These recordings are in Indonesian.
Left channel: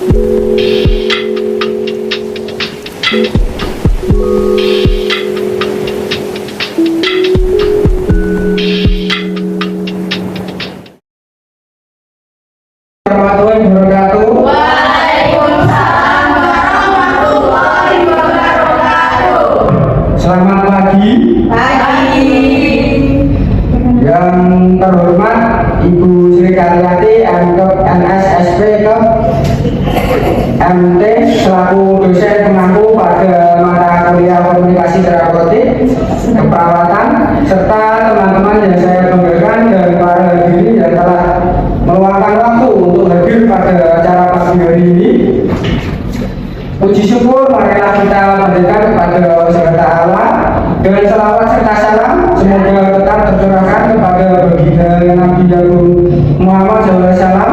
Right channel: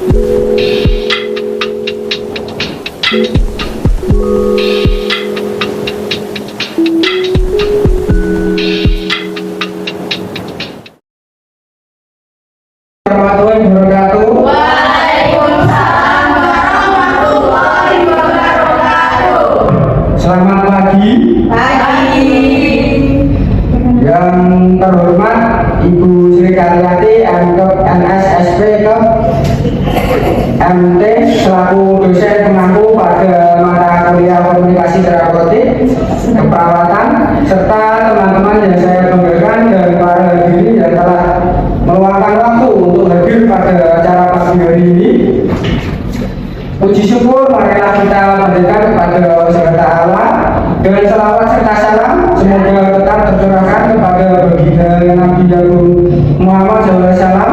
Selamat pagi. Yang terhormat Ibu Sri Karyati NSSP MT selaku dosen pengampu pada mata kuliah komunikasi terapeutik keperawatan, serta teman-teman yang saya banggakan dan para hadirin yang telah meluangkan waktu untuk hadir pada acara pagi hari ini. Puji syukur marilah kita panjatkan kepada Allah Ta'ala dengan selawat serta salam semoga tetap tercurahkan kepada baginda Nabi Muhammad SAW.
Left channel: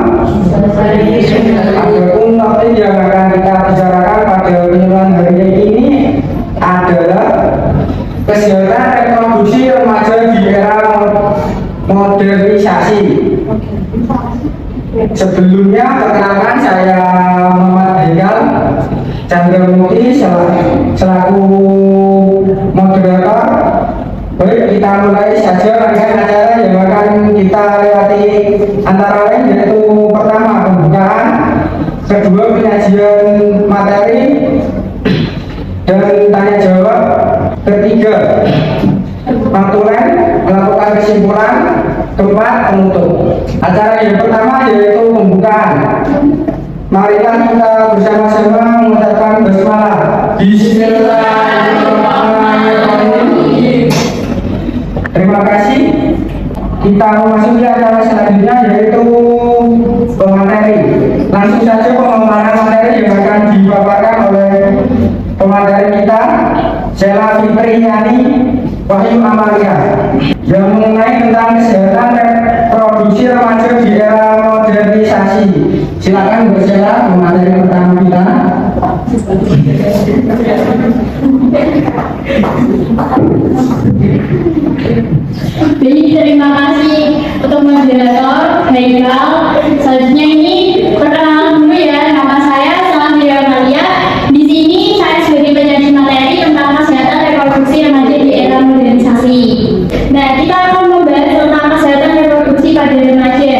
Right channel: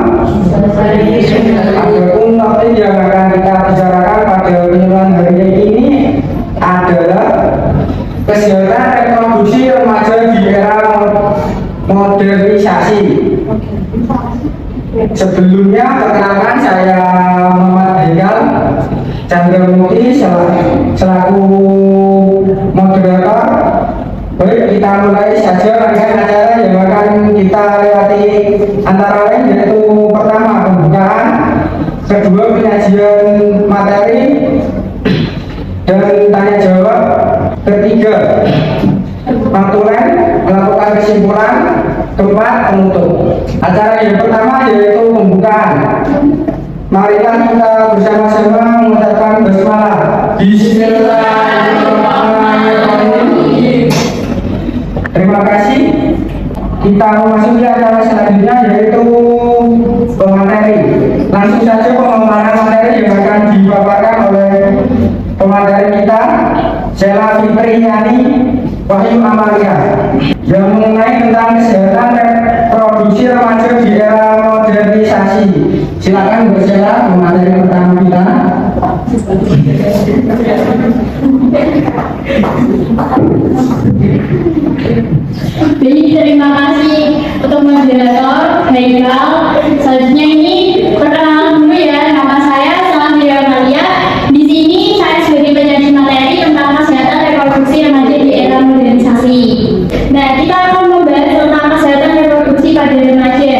Adapun topik yang akan kita bicarakan pada penyuluhan hari ini adalah kesehatan reproduksi remaja di era modernisasi. Sebelumnya perkenalkan, saya Muhammad Haikal Chandramukti selaku moderator. Baik, kita mulai saja rangkaian acara yang akan kita lewati, antara lain yaitu pertama pembukaan, kedua penyajian materi dan tanya jawab, ketiga pantulan melakukan kesimpulan, keempat penutup. Acara yang pertama yaitu pembukaan. Marilah kita bersama-sama mengucapkan basmalah. Bismillahirrahmanirrahim. Terima kasih. Kita memasuki acara selanjutnya yaitu pemateri. Langsung saja pemaparan materi yang akan dipaparkan oleh pemateri kita, Sheila Fitriani Wahyu Amalia, yang mengenai tentang kesehatan reproduksi remaja di era modernisasi. Silakan Bu Sheila, pemateri pertama kita. Baik, terima kasih untuk moderator Haikal. Selanjutnya ini perkenalan dulu ya, nama saya Sheila Fitriani. Di sini saya sebagai penyaji materi tentang kesehatan reproduksi remaja di era modernisasi. Nah, kita akan membahas tentang kesehatan reproduksi pada remaja.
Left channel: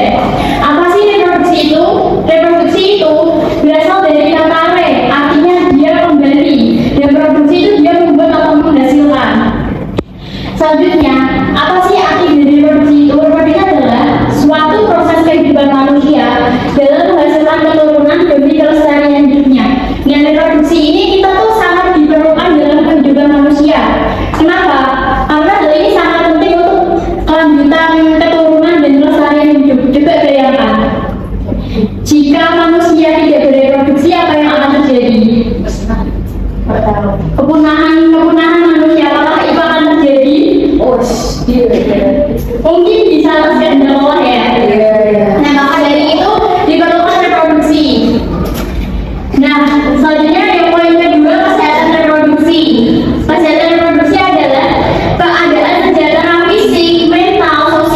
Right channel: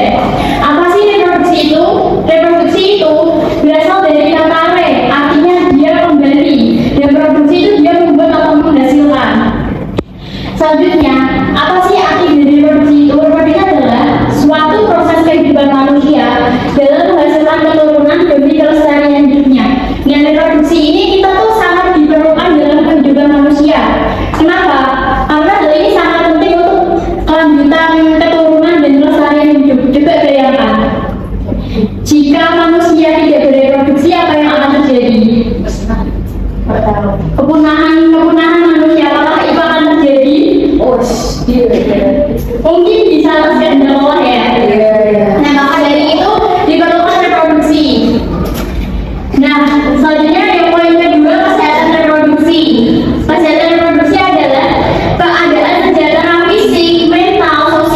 Apa sih reproduksi itu? Reproduksi itu berasal dari kata re, artinya dia kembali. Reproduksi itu dia membuat atau menghasilkan. Selanjutnya, apa sih arti dari reproduksi itu? Reproduksi adalah suatu proses kehidupan manusia dalam menghasilkan keturunan demi kelestarian hidupnya. Dengan reproduksi ini kita tuh sangat diperlukan dalam kehidupan manusia. Kenapa? Karena hal ini sangat penting untuk kelanjutan keturunan dan kelestarian hidup. Coba bayangkan, jika manusia tidak bereproduksi, apa yang akan terjadi? Kepunahan manusia, apakah itu akan terjadi? Mungkin bisa terjadi Allah ya. Nah, maka dari itu diperlukan reproduksi. Nah, selanjutnya yang poin kedua, kesehatan reproduksi. Kesehatan reproduksi adalah keadaan kesehatan fisik, mental,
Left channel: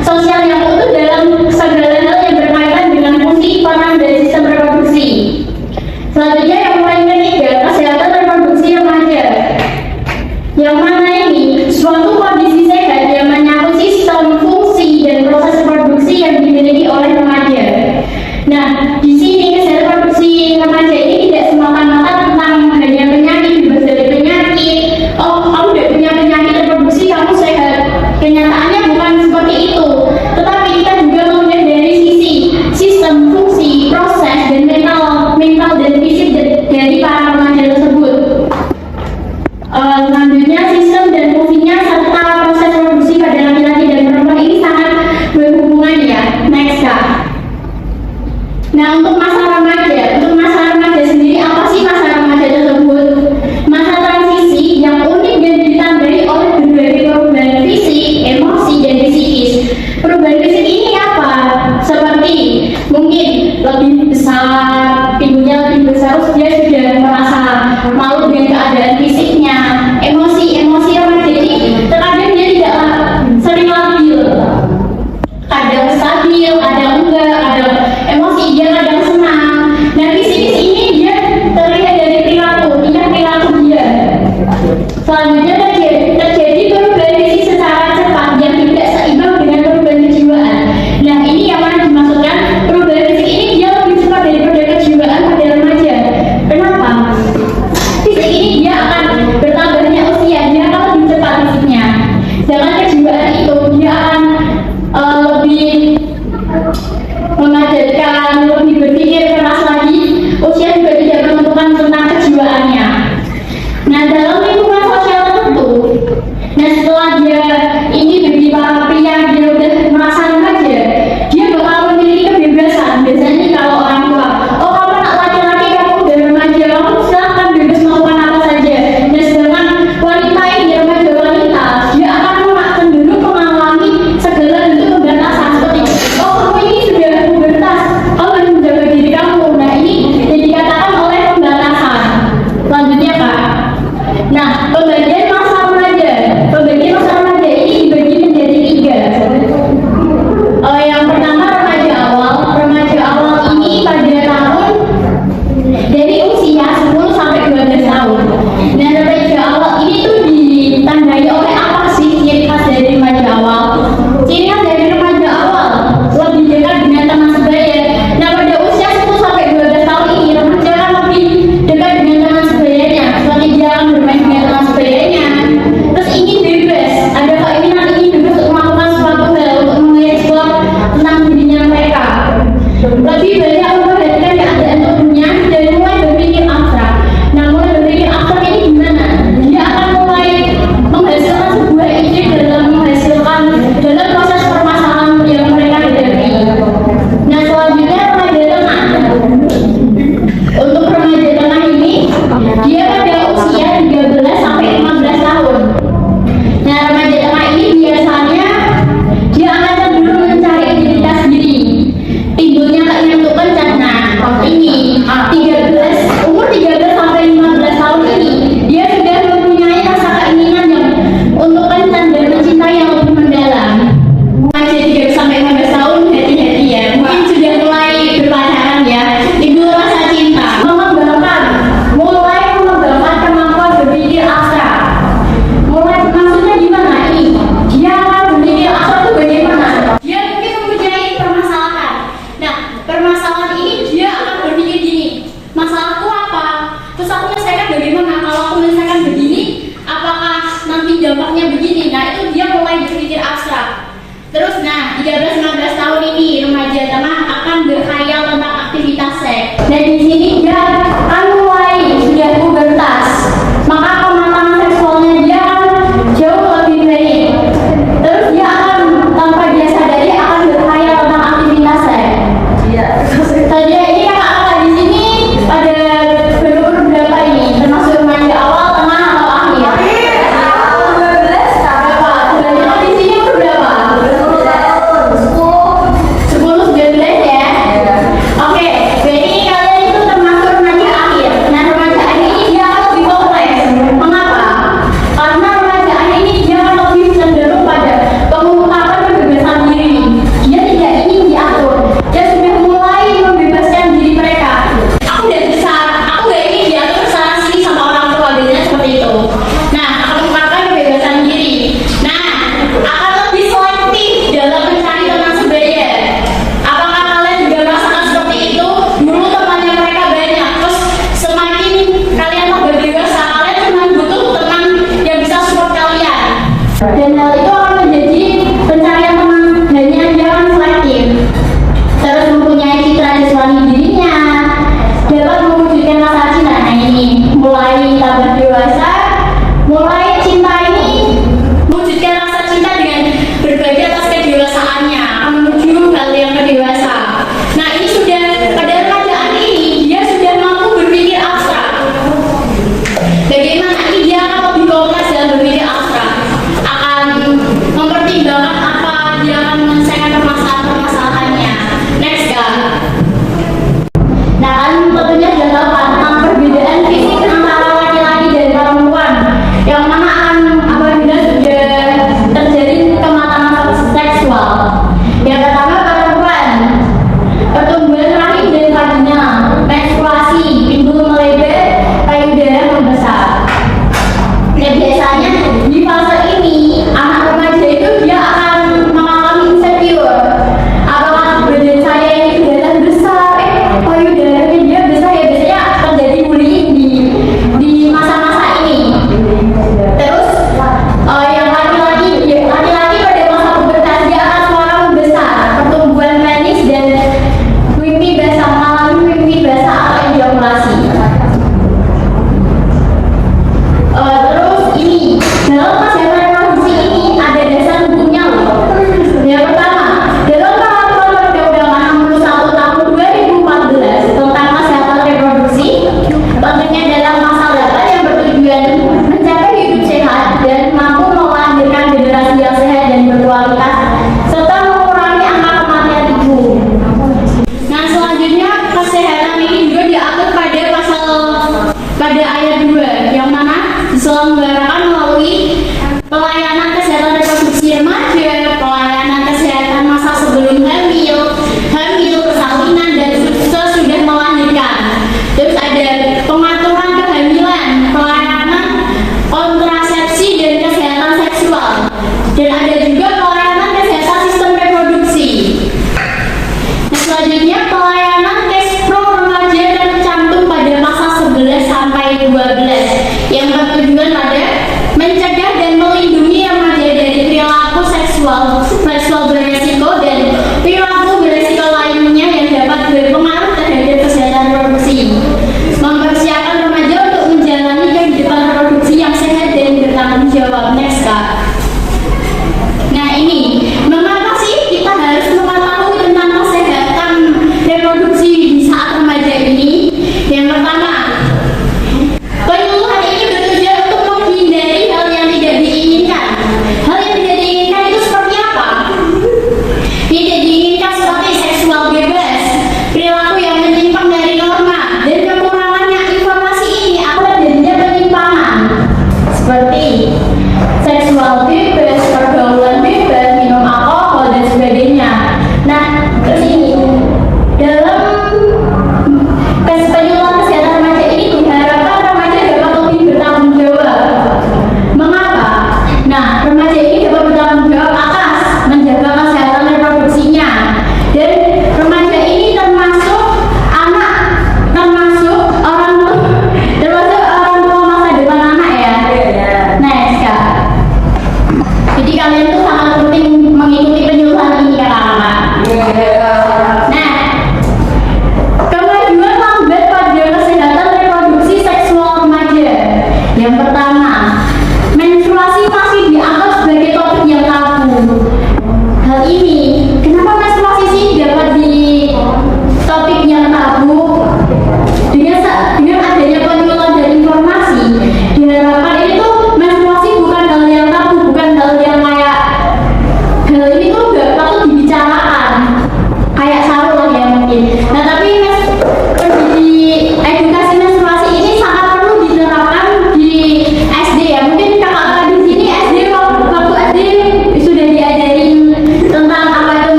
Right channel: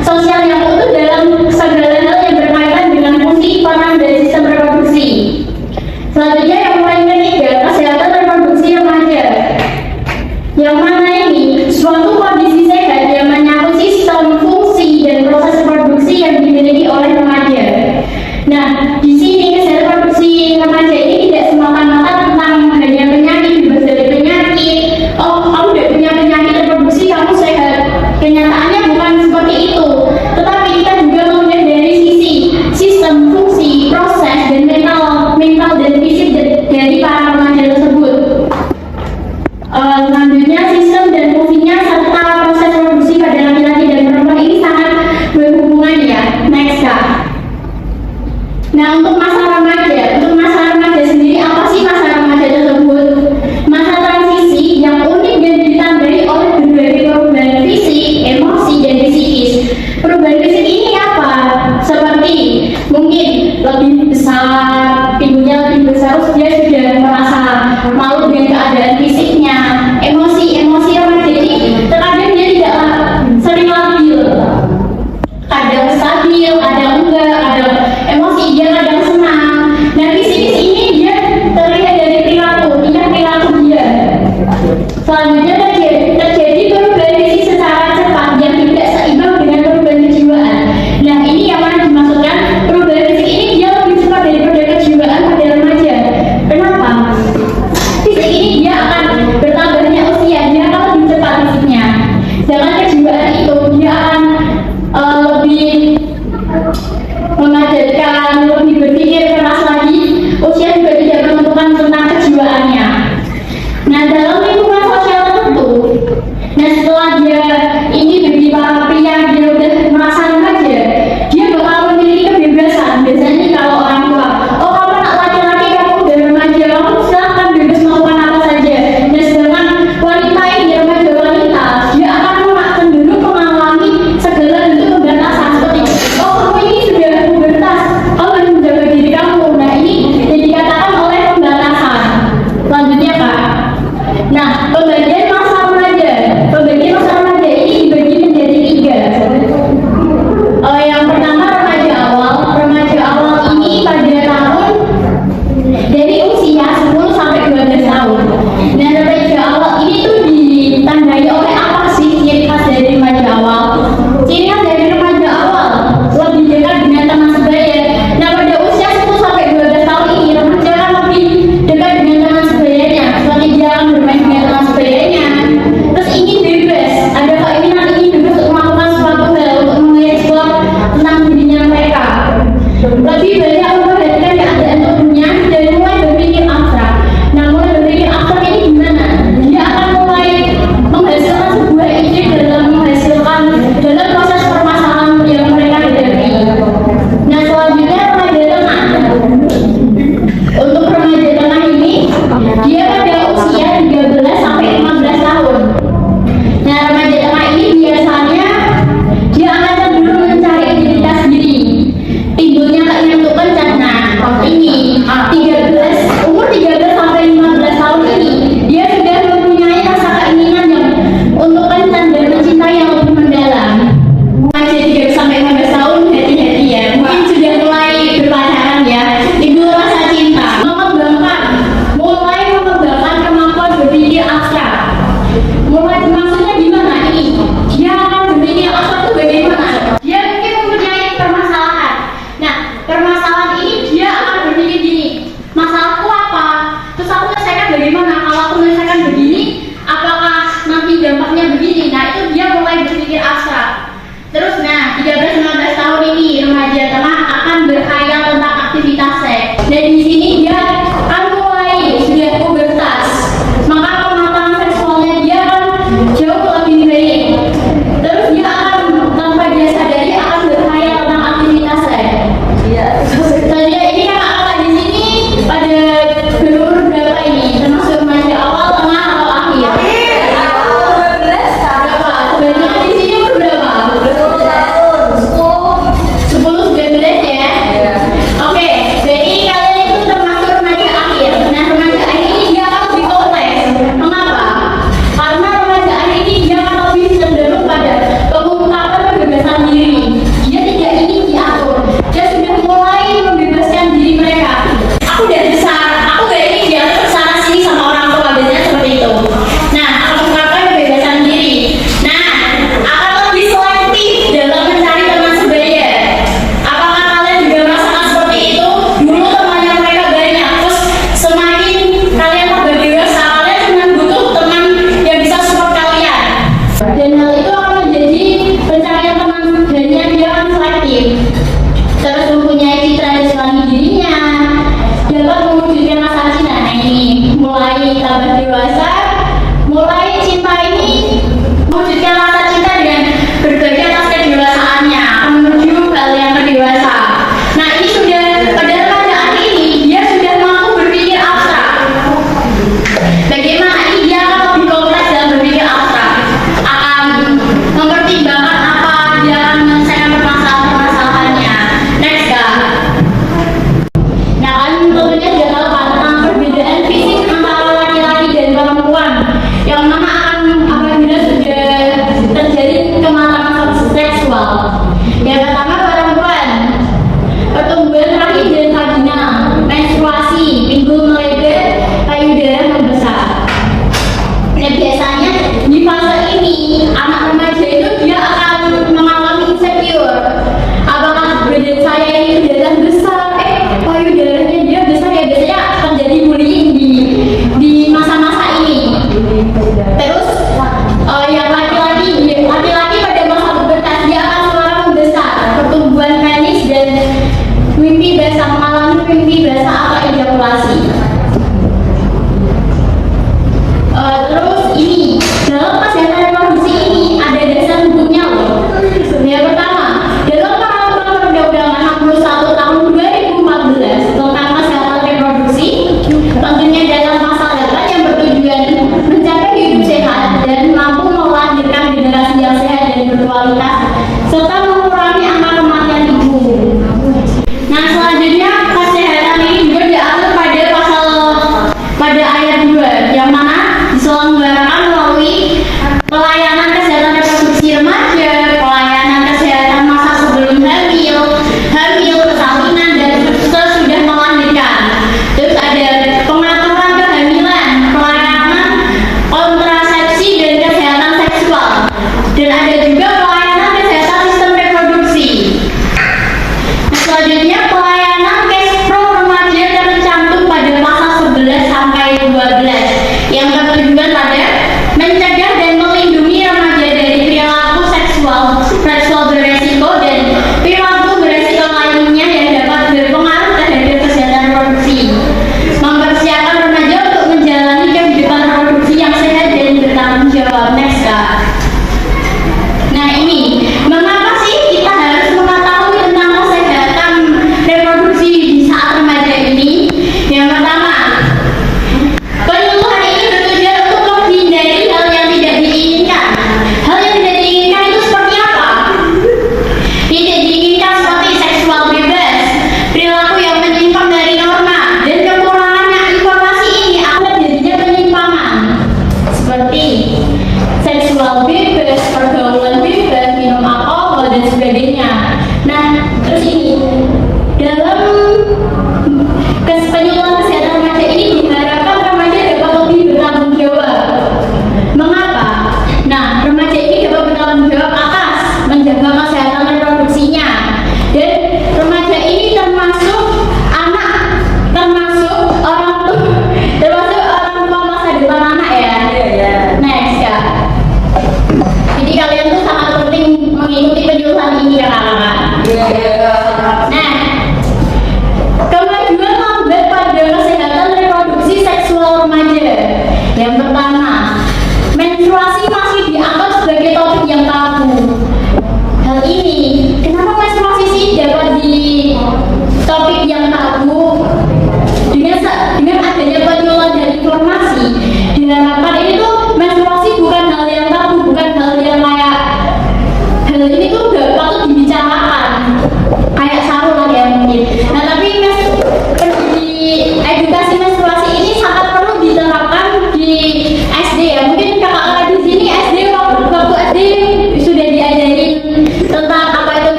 sosial yang utuh dalam segala hal yang berkaitan dengan fungsi peran dari sistem reproduksi. Selanjutnya yang poin ketiga, kesehatan reproduksi remaja. Yang mana ini suatu kondisi sehat yang menyangkut sistem, fungsi, dan proses reproduksi yang dimiliki oleh remaja. Nah, di sini kesehatan reproduksi remaja ini tidak semata-mata tentang hanya penyakit, bebas dari penyakit. Oh, kamu tidak punya penyakit reproduksi, kamu sehat. Kenyataannya bukan seperti itu. Tetapi kita juga melihat dari sisi sistem, fungsi, proses, dan mental dan fisik dari para remaja tersebut. Selanjutnya, sistem dan fungsinya serta proses reproduksi pada laki-laki dan perempuan ini sangat berhubungan ya. Next, Kak. Nah, untuk masa remaja sendiri, apa sih masa remaja tersebut? Masa transisi yang unik dan ditandai oleh berbagai perubahan fisik, emosi, dan psikis. Perubahan fisik ini apa? Seperti mungkin lebih besar, pinggulnya lebih besar, dia sudah merasa malu dengan keadaan fisiknya. Emosi remaja ini terkadang dia tidak sering labil, kadang stabil, kadang enggak, kadang emosi, dia kadang senang. Nah, Selanjutnya terjadi perubahan fisik secara cepat yang tidak seimbang dengan perubahan kejiwaan. Nah, ini yang mana dimaksudkan perubahan fisik ini dia lebih cepat daripada kejiwaan pada remaja. Kenapa? Fisik ini dia akan bertambahnya usia, dia akan lebih cepat fisiknya. Sedangkan kejiwaan itu dia akan lebih memadatkan, lebih berpikir keras lagi. Usia juga tidak menentukan tentang kejiwaannya. Nah, dalam lingkungan sosial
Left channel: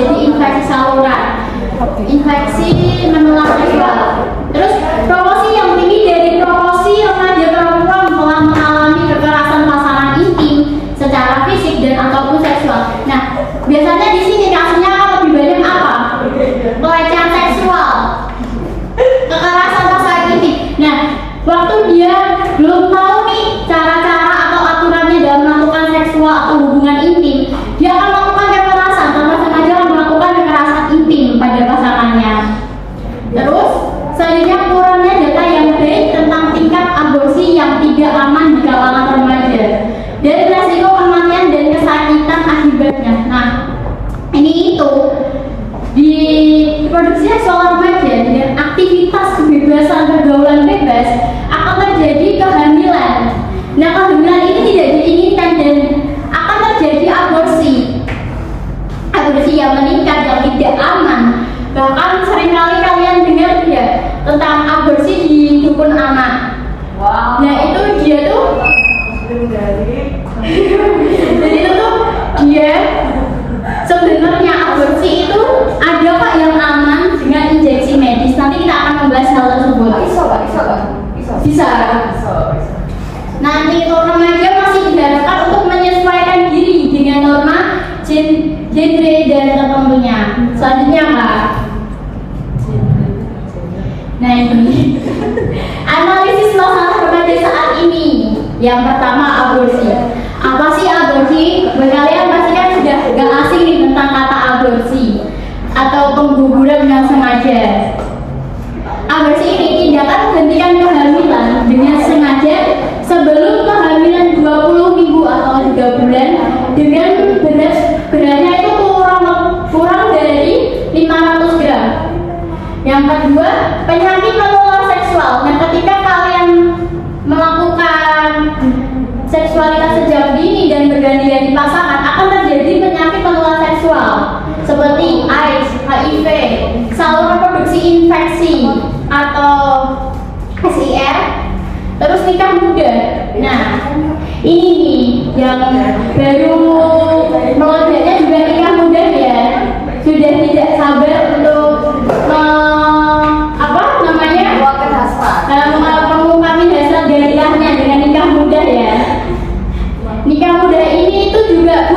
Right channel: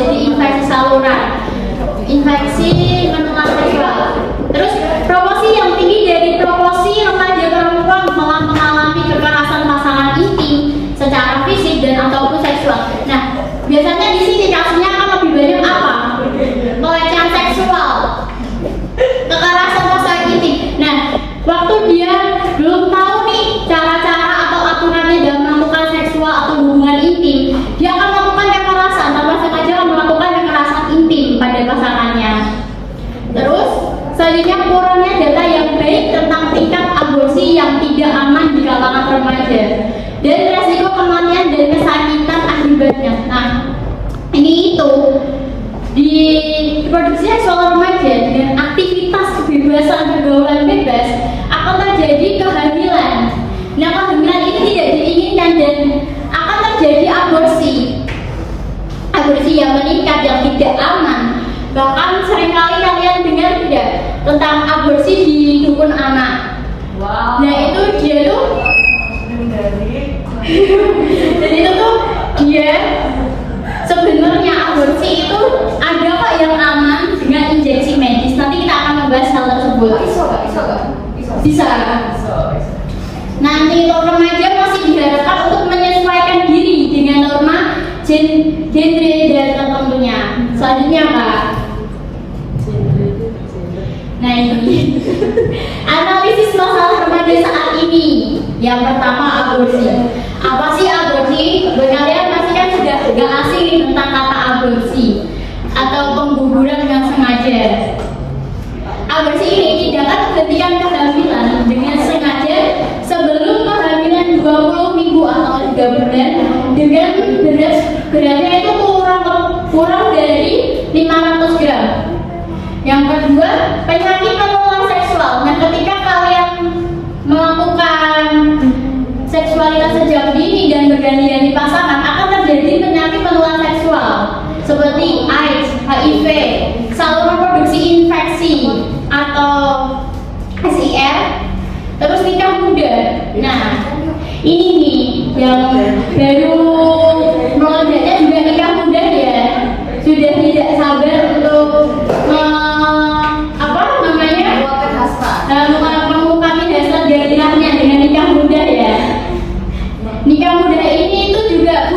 menjadi infeksi saluran, infeksi menular seksual. Terus proporsi yang tinggi dari proporsi remaja perempuan telah mengalami kekerasan pasangan intim secara fisik dan ataupun seksual. Nah, biasanya di sini kasusnya akan lebih banyak apa? Pelecehan seksual, kekerasan pasangan intim. Nah, waktu dia belum tahu nih cara-cara atau aturannya dalam melakukan seksual atau hubungan intim, dia akan melakukan kekerasan, tanpa sengaja melakukan kekerasan intim pada pasangannya. Terus selanjutnya kurangnya data yang baik tentang tingkat aborsi yang tidak aman di kalangan remaja dan resiko kematian dan kesakitan akibatnya. Nah, ini itu di reproduksi seksual remaja dengan aktivitas kebebasan pergaulan bebas akan terjadi kehamilan. Nah, kehamilan itu tidak diinginkan dan akan terjadi aborsi yang meningkat yang tidak aman. Bahkan seringkali kalian dengar ya tentang aborsi di dukun anak. Wow. Nah, itu dia tuh jadi itu tuh dia sebenarnya aborsi itu ada kok yang aman dengan injeksi medis. Nanti kita akan membahas hal tersebut. Bisa. Nanti untuk remaja masih diharapkan untuk menyesuaikan diri dengan norma genre dan tertentunya. Selanjutnya Kak. Nah, ini analisis masalah remaja saat ini. Yang pertama, aborsi. Apa sih aborsi? Kalian pasti kan sudah gak asing nih tentang kata aborsi atau pengguguran yang sengaja. Aborsi ini tindakan menghentikan kehamilan dengan sengaja sebelum kehamilan 20 minggu atau 3 bulan dengan beratnya itu kurang dari 500 gram. Yang kedua, penyakit menular seksual. Nah, ketika kalian melakukan seksualitas sejak dini dan berganti-ganti pasangan, akan terjadi penyakit menular seksual seperti AIDS, HIV, saluran reproduksi infeksi atau SIR, terus nikah muda. Nah, ini nih yang baru melonjaknya juga nikah muda ya. Sudah tidak sabar untuk mengungkapkan dasar gairahnya dengan nikah muda ya. Nikah muda ini itu juga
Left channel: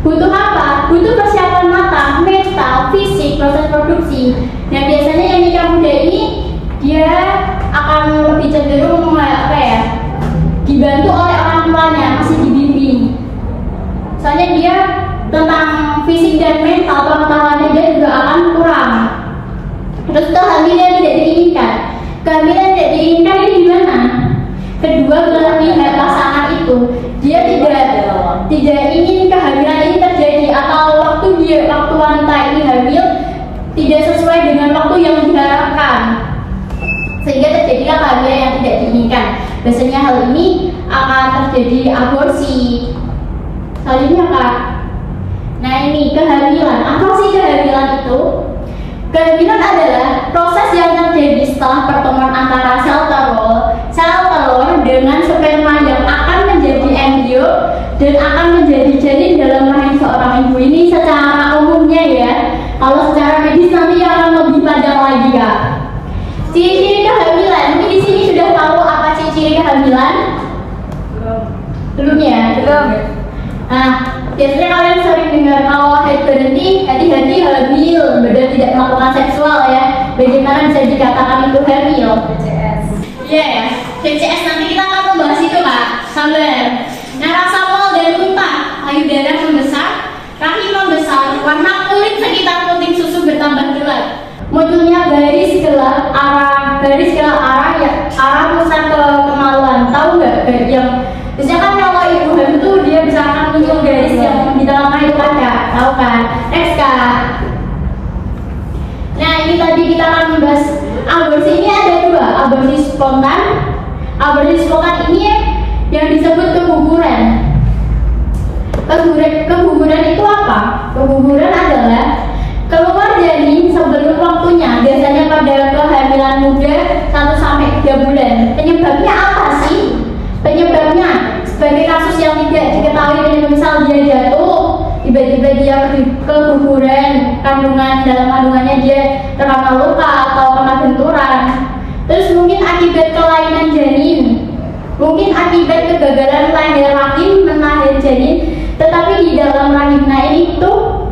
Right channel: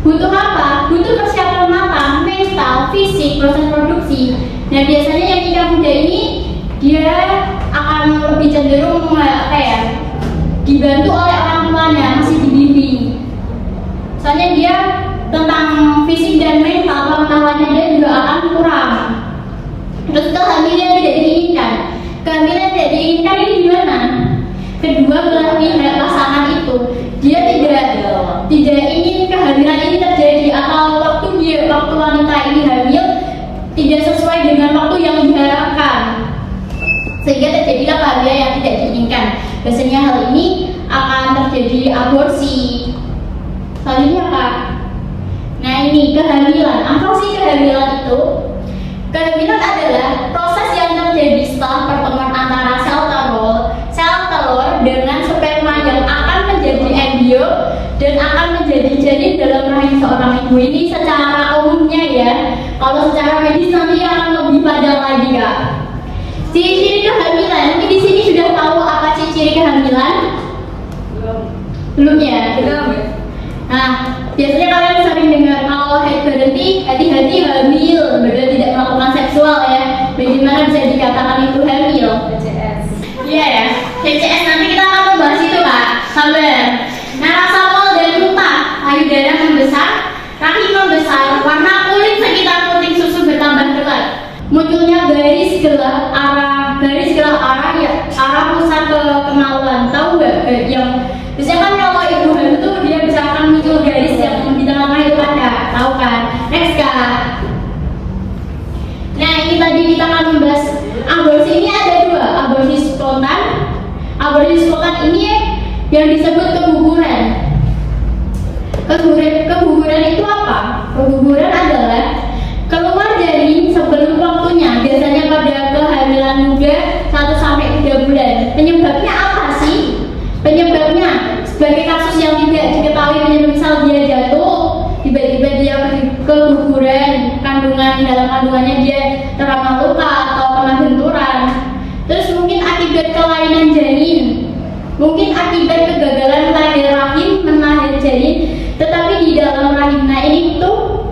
butuh apa? Butuh persiapan matang, mental, fisik, proses produksi. Nah, biasanya yang nikah muda ini dia akan lebih cenderung dibantu oleh orang tuanya, masih dibimbing. Soalnya dia tentang fisik dan mental pengetahuannya dia juga akan kurang. Terus kehamilan tidak diinginkan. Kehamilan tidak diinginkan ini gimana? Kedua belah pihak pasangan itu dia tidak ingin kehamilan ini terjadi atau waktu wanita ini hamil tidak sesuai dengan waktu yang diharapkan, sehingga terjadilah kehamilan yang tidak diinginkan. Biasanya hal ini akan terjadi aborsi. Selanjutnya Kak. Nah, ini kehamilan. Apa sih kehamilan itu? Kehamilan adalah proses yang terjadi setelah pertemuan antara sel telur dengan sperma yang akan menjadi embrio dan akan menjadi janin dalam rahim seorang ibu. Ini secara umumnya ya. Kalau secara medis nanti akan lebih panjang lagi Kak. Ciri-ciri kehamilan. Mungkin di sini sudah tahu apa ciri-ciri kehamilan? Belum ya? Belum. Nah, biasanya kalian sering dengar kalau haid berhenti, hati-hati hamil, padahal tidak melakukan seksual ya. Bagaimana bisa dikatakan itu hamil? DCS. Iya ya, DCS nanti kita akan membahas itu Kak. Sabar. Nah, rasa mual dan muntah, payudara membesar, rahim membesar, warna kulit sekitar puting susu bertambah gelap, munculnya garis gelap arah pusat ke kemaluan. Tahu nggak yang biasanya kan kalau ibu hamil tuh dia bisa akan muncul garis yang di tengah itu kan Kak? Tahu kan? Next Kak. Nah, ini tadi kita akan membahas aborsi. Ini ada dua, aborsi spontan. Aborsi spontan ini yang disebut keguguran. Keguguran itu apa? Keguguran adalah keluar janin sebelum waktunya, biasanya pada kehamilan muda 1-3 bulan. Penyebabnya apa sih? Penyebabnya sebagai kasus yang tidak diketahui, misal dia jatuh, tiba-tiba dia keguguran kandungan, dalam kandungannya dia terkena luka atau kena benturan. Terus mungkin akibat kelainan janin, mungkin akibat kegagalan lahir rahim menahan janin, tetapi di dalam rahimnya ini tuh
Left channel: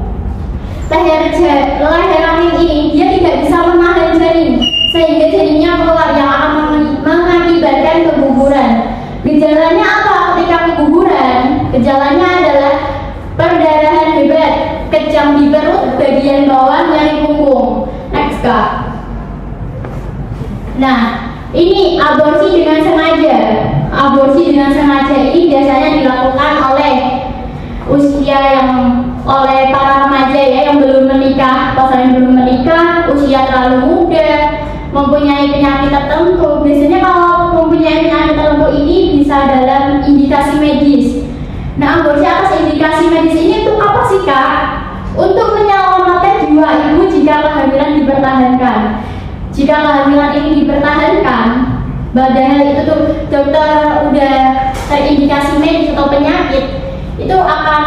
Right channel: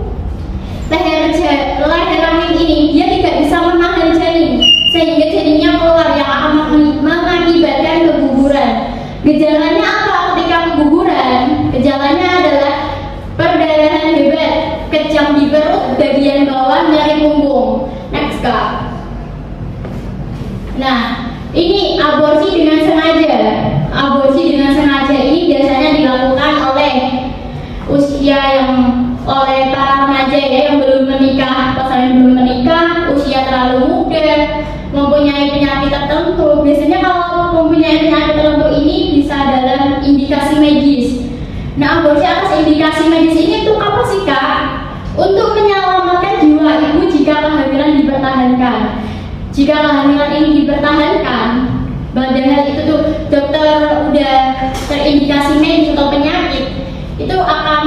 lahir rahim ini dia tidak bisa menahan janin, sehingga janinnya keluar yang akan mengakibatkan keguguran. Gejalanya apa ketika keguguran? Gejalanya adalah perdarahan bebas, kejang di perut bagian bawah nyeri punggung. Next, Kak. Nah, ini aborsi dengan sengaja. Aborsi dengan sengaja ini biasanya dilakukan oleh para remaja ya, yang belum menikah, pasangan yang belum menikah, usia terlalu muda, mempunyai penyakit tertentu. Biasanya kalau mempunyai penyakit tertentu ini bisa dalam indikasi medis. Nah, aborsi atas indikasi medis ini untuk apa sih, Kak? Untuk menyelamatkan jiwa ibu jika kehamilan dipertahankan. Jika kehamilan ini dipertahankan, padahal itu tuh dokter udah terindikasi medis atau penyakit, itu akan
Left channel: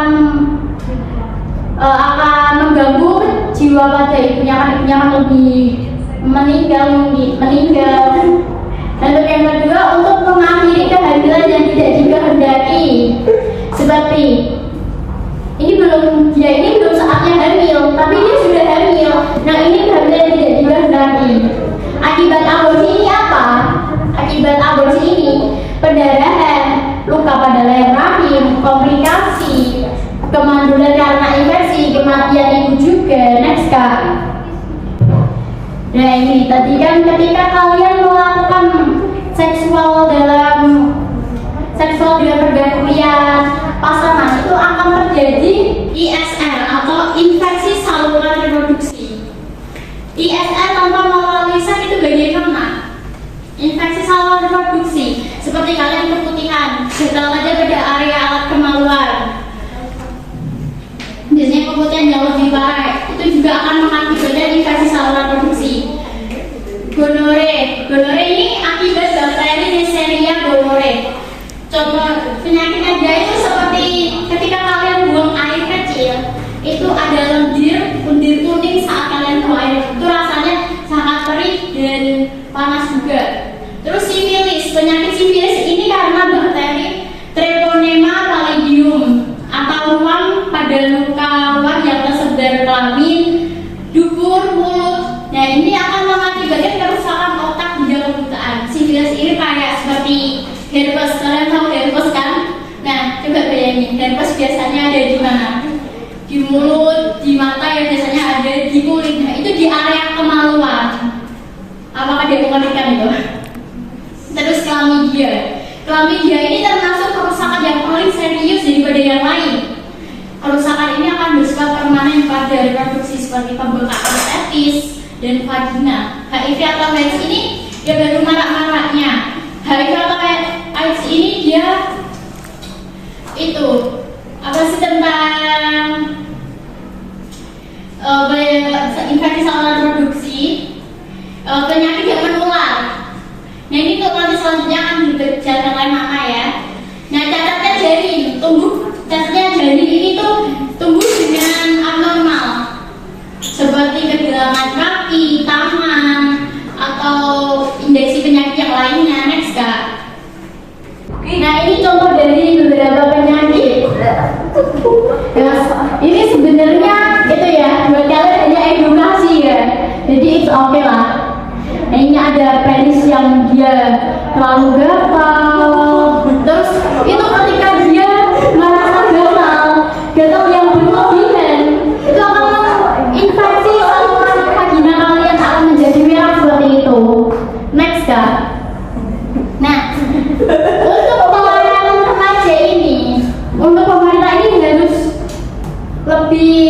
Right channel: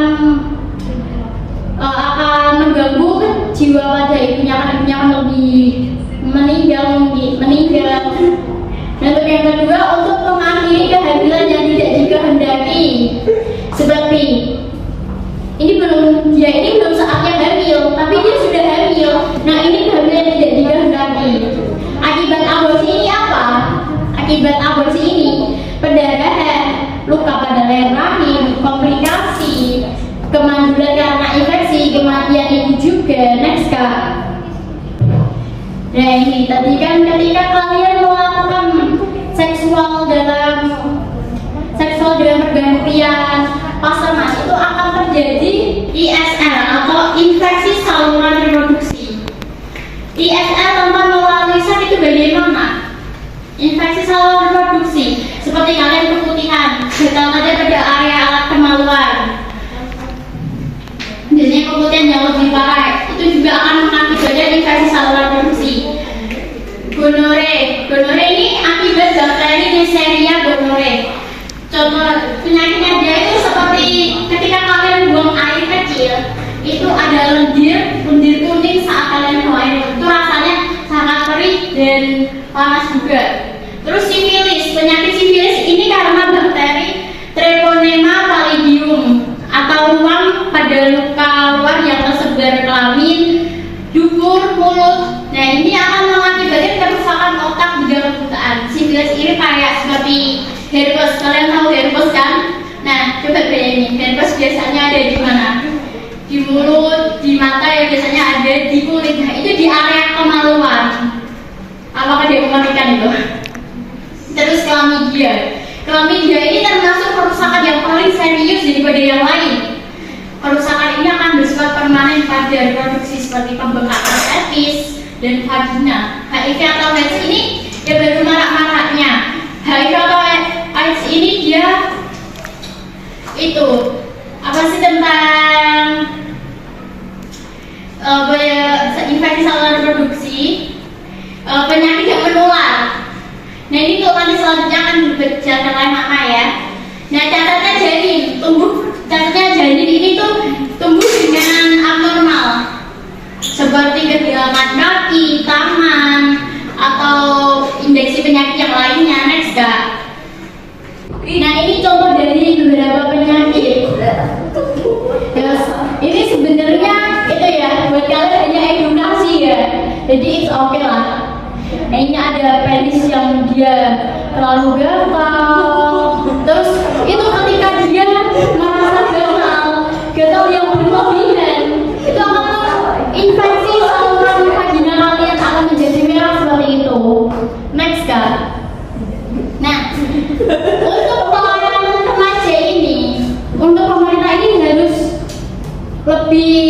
mengganggu jiwa pada ibunya, kan ibunya akan lebih meninggal. Dan untuk yang kedua, untuk mengakhiri kehamilan yang tidak dikehendaki. Seperti ini belum saatnya hamil, tapi dia sudah hamil. Nah, ini kehamilan yang tidak dikehendaki. Akibat aborsi ini apa? Akibat aborsi ini pendarahan, luka pada leher rahim, komplikasi, kemandulan karena infeksi, kematian ibu juga. Next, Kak. Nah, ini tadi kan ketika kalian melakukan seksual dengan bergantung pria pasangan, itu akan terjadi ISR atau infeksi saluran reproduksi. ISR tanpa melalui seks itu bagaimana? Infeksi saluran reproduksi seperti kalian keputihan, bertambah pada area alat kemaluan. Biasanya keputihan yang lebih parah itu juga akan mengakibatkan infeksi saluran reproduksi. Gonore ini akibat bakteri Neisseria gonore. Contoh penyakitnya dia itu seperti ketika kalian buang air kecil, itu ada lendir kuning saat kalian buang air, itu rasanya sangat perih dan panas juga. Terus sifilis, penyakit sifilis ini karena bakteri Treponema pallidum atau ruang pada luka luar yang tersebar kelamin, dubur, mulut. Nah, ini akan mengakibatkan kerusakan otak di dalam bukaan. Sifilis ini kayak seperti herpes. Kalian tahu herpes kan? Nah, coba bayangin, herpes biasanya ada di mana? Di mulut, di mata, yang biasanya ada di kulit. Nah, itu di area kemaluan. Apakah dia mengerikan itu? Terus chlamydia. Chlamydia ini termasuk kerusakan yang paling serius daripada yang lain. Kerusakan ini akan bersifat permanen pada reproduksi seperti pembengkakan cervix dan vagina. HIV atau AIDS ini ya baru marak-maraknya. HIV atau AIDS ini dia itu apa sih tentang infeksi saluran reproduksi, penyakit yang menular. Nah, ini kalau nanti selanjutnya akan berbicara maka ya. Nah, catatnya janin ini tuh tumbuh dengan abnormal, seperti kegelangan kaki, tangan, atau indeksi penyakit yang lainnya. Next, Kak. Nah, ini contoh dari beberapa penyakit. Ini sebenarnya itu ya, buat kalian hanya edukasi ya. Jadi it's okay lah. Nah, ini ada penis yang dia terlalu gatal. Terus itu ketika dia merasa gatal yang berlebihan, itu akan infeksi saluran vagina kalian akan menjadi merah seperti itu. Next, Kak. Nah, untuk pelayanan remaja ini, untuk pemerintah ini harus lebih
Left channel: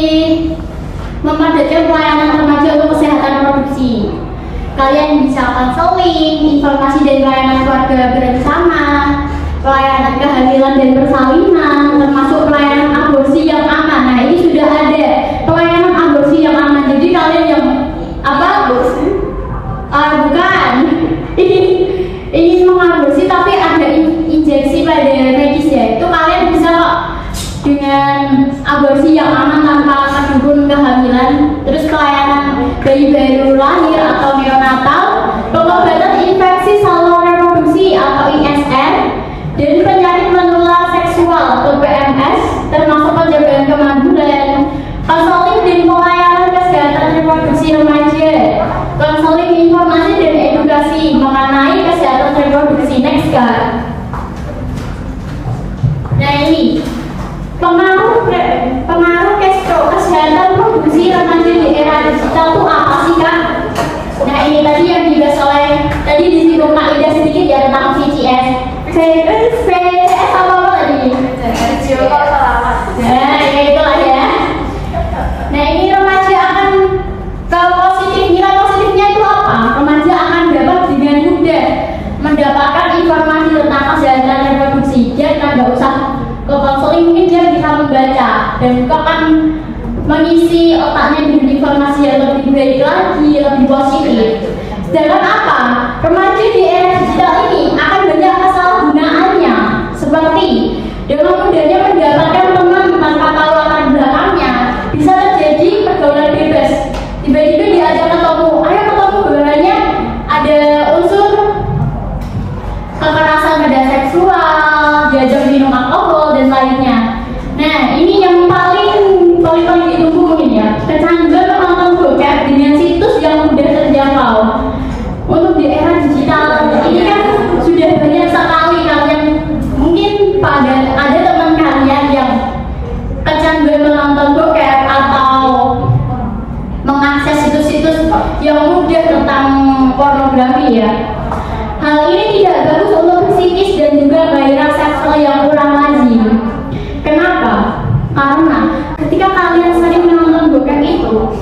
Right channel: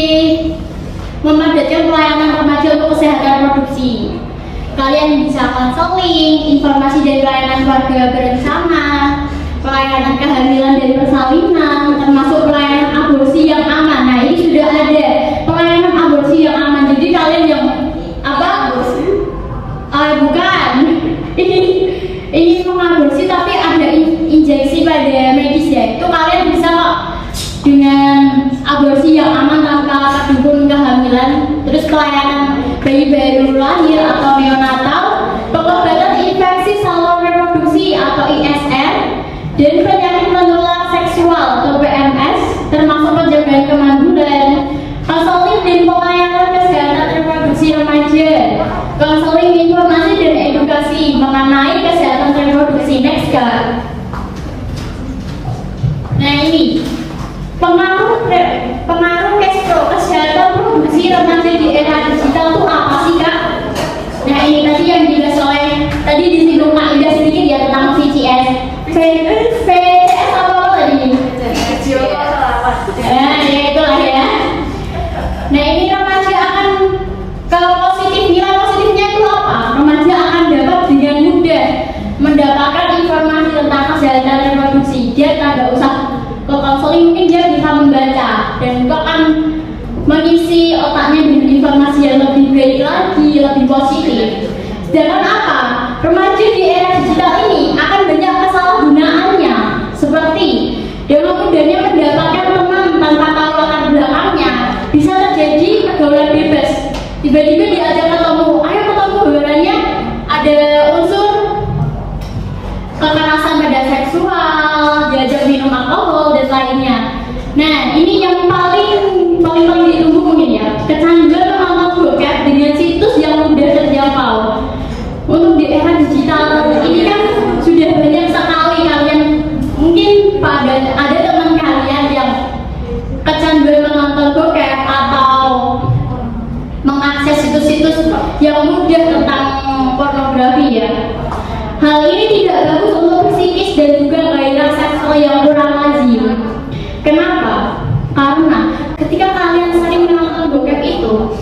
mempadatkan pelayanan remaja untuk kesehatan reproduksi. Kalian bisa konseling, informasi dan pelayanan keluarga berencana, pelayanan kehamilan dan persalinan, termasuk pelayanan aborsi yang aman. Nah, ini sudah ada pelayanan aborsi yang aman. Jadi kalian yang bukan ingin mengaborsi tapi ada injeksi pada medis ya, itu kalian bisa kok dengan aborsi yang aman tanpa terhubung bayi baru lahir atau neonatal, pengobatan infeksi saluran reproduksi atau ISR, dan penyakit menular seksual atau PMS, termasuk penjagaan kemandulan, konseling dan pelayanan kesehatan reproduksi remaja, konseling informasi dan edukasi mengenai kesehatan reproduksi. Next card. Nah ini pengaruh kesehatan produksi remaja di era digital itu apa sih kak? Nah ini tadi yang dibahas oleh tadi disinggung Kak Ida sedikit ya tentang VCS. VCS apa tadi? Video call salawat. Nah ya itulah ya. Nah ini remaja akan nilai positifnya itu apa? Remaja akan dapat dengan mudah mendapatkan informasi tentang kesehatan reproduksi. Dia nggak usah ke konseling, mungkin dia bisa membaca dan itu akan mengisi otaknya dengan informasi yang lebih baik lagi, lebih positif. Sedangkan apa? Remaja di era digital ini akan banyak kesalahgunaannya, seperti dengan mudahnya mendapatkan teman tanpa tahu latar belakangnya, bisa terjadi pergaulan bebas. Tiba-tiba diajak ketemu, ayo ketemu, bahwanya ada unsur kekerasan pada seksual, diajak minum alkohol dan lainnya. Nah ini yang paling ditunggu mungkin ya, kecanduan menonton bokep dengan situs yang mudah terjangkau. Untuk di era digital ini kan sudah banyak sekali kalian mungkin ada teman kalian yang kecanduan menonton bokep atau mengakses situs-situs yang mudah tentang pornografi ya. Hal ini tidak bagus untuk psikis dan juga gairah seksual yang kurang lazim. Kenapa? Karena ketika kalian sering menonton bokep itu,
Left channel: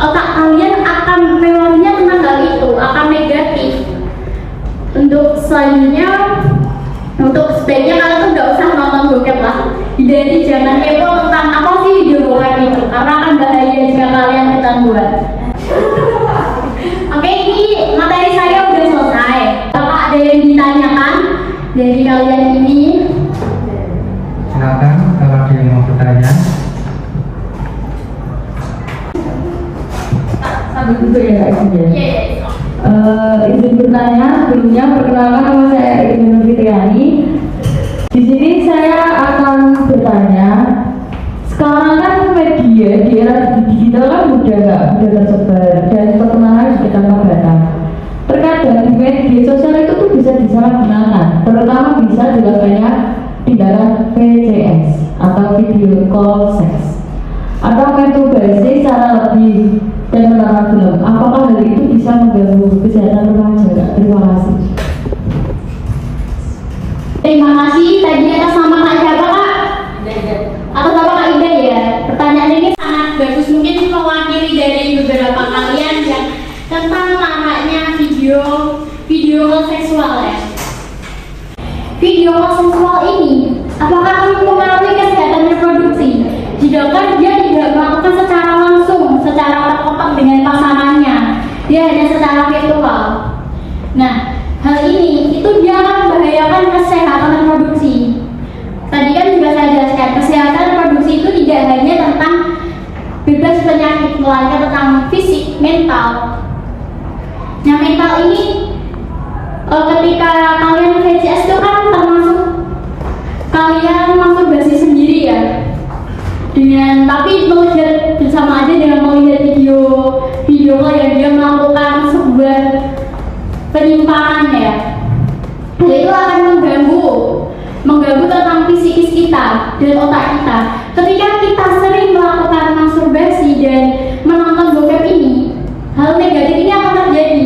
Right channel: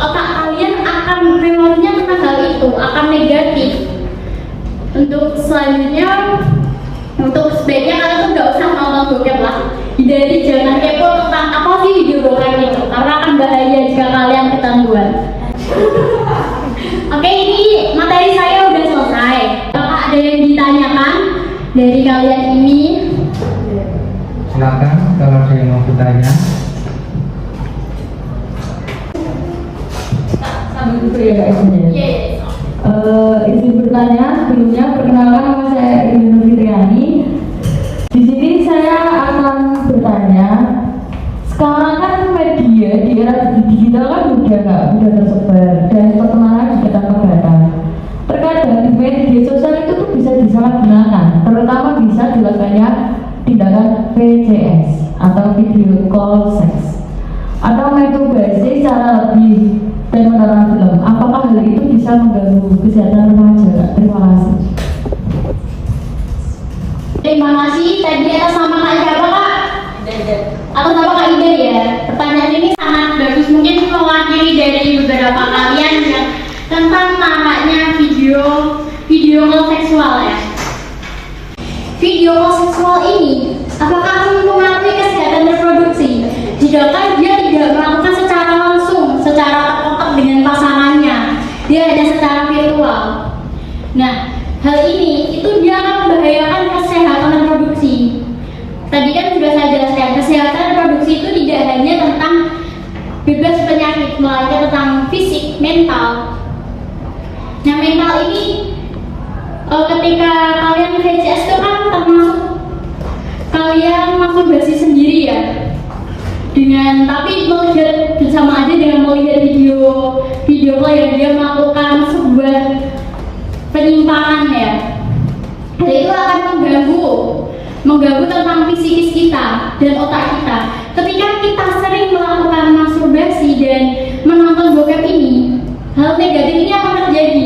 otak kalian akan memorinya tentang hal itu akan negatif. Untuk selanjutnya, untuk sebaiknya kalian tuh nggak usah nonton bokep lah. Hindari, jangan kepo tentang apa sih video bokep itu, karena akan bahaya jika kalian kecanduan. Oke, ini materi saya udah selesai. Apakah ada yang ditanyakan dari kalian ini? Silakan kalau ada yang mau bertanya. Sambil duduk ya kak Ibu. Izin bertanya, sebelumnya perkenalkan nama saya Ibu Fitriani. Di sini saya akan bertanya. Sekarang kan media di era digital kan mudah tersebar dan perkembangan juga tanpa batas. Terkadang di media sosial itu tuh bisa disalahgunakan, terutama bisa dilakukannya tindakan VCS atau video call sex atau masturbasi secara lebih dan menonton film. Apakah hal itu bisa mengganggu kesehatan remaja? Terima kasih. Terima kasih. Tadi atas nama Kak siapa Kak? Atas nama Kak Ida ya. Pertanyaan ini sangat bagus, mungkin mewakili dari beberapa kalian yang tentang maraknya video call seksual ya. Video call seksual ini apakah mempengaruhi kesehatan reproduksi? Jika dia tidak melakukan secara langsung, secara terkotak dengan pasangannya, dia hanya secara virtual. Nah, hal ini itu dia akan membahayakan kesehatan reproduksi. Tadi kan sudah saya jelaskan, kesehatan reproduksi itu tidak hanya tentang bebas penyakit, melainkan tentang fisik, mental. Nah, mental ini ketika kalian VCS itu kan termasuk kalian masturbasi sendiri ya, dengan tapi melihat bersama aja dengan melihat video call yang dia melakukan sebuah penyimpangan ya. Dan itu akan mengganggu tentang psikis kita dan otak kita. Ketika kita sering melakukan masturbasi dan menonton bokep ini, hal negatif ini akan terjadi.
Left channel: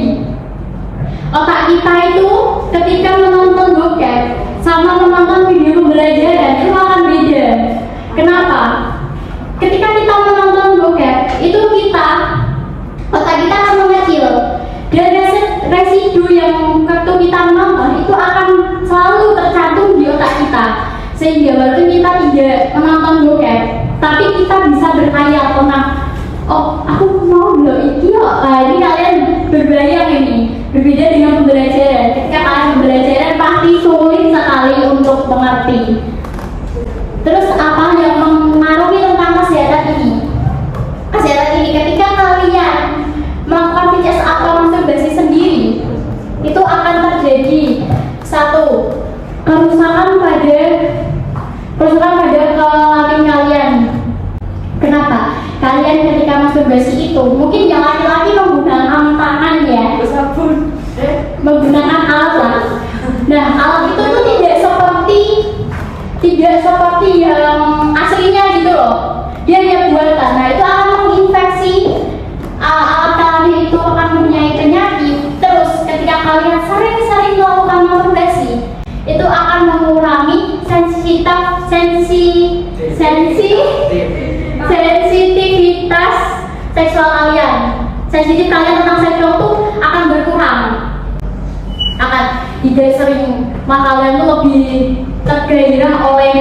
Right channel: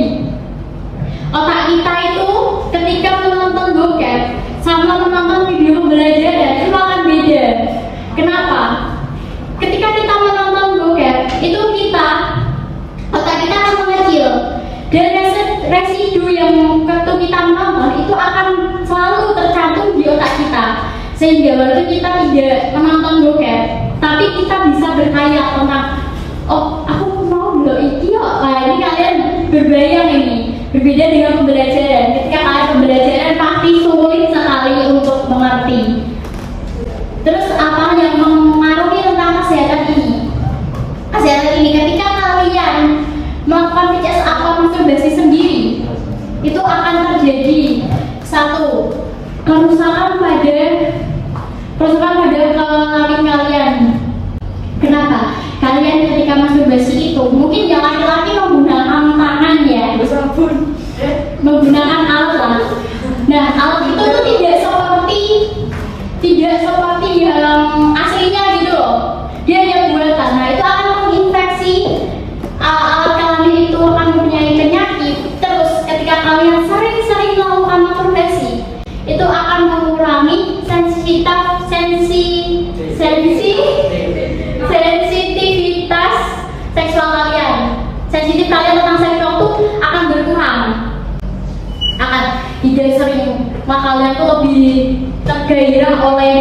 Otak kita itu ketika menonton bokep sama menonton video pembelajaran itu akan beda. Kenapa? Ketika kita menonton bokep itu otak kita akan mengecil dan residu yang waktu kita menonton itu akan selalu tercantum di otak kita, sehingga walaupun kita tidak menonton bokep tapi kita bisa berkhayal tentang oh aku mau loh iki kok. Nah ini kalian berbayang ini. Berbeda dengan pembelajaran. Ketika kalian pembelajaran pasti sulit sekali untuk mengerti. Terus apa yang mengaruhi tentang kesehatan ini? Kesehatan ini ketika kalian akan terjadi satu kerusakan pada kelamin kalian. Kenapa? Kalian ketika masturbasi itu mungkin yang laki-laki menggunakan tangan ya, menggunakan alat. Nah, alat itu tuh tidak seperti yang aslinya gitu loh. Dia hanya buatan. Nah, itu akan menginfeksi alat kalian itu akan mempunyai penyakit. Terus ketika kalian sering-sering melakukan masturbasi, itu akan mengurangi sensitivitas seksual kalian. Sensitif kalian tentang seksual itu akan berkurang. Akan tidak sering, maka kalian tuh lebih tergairah oleh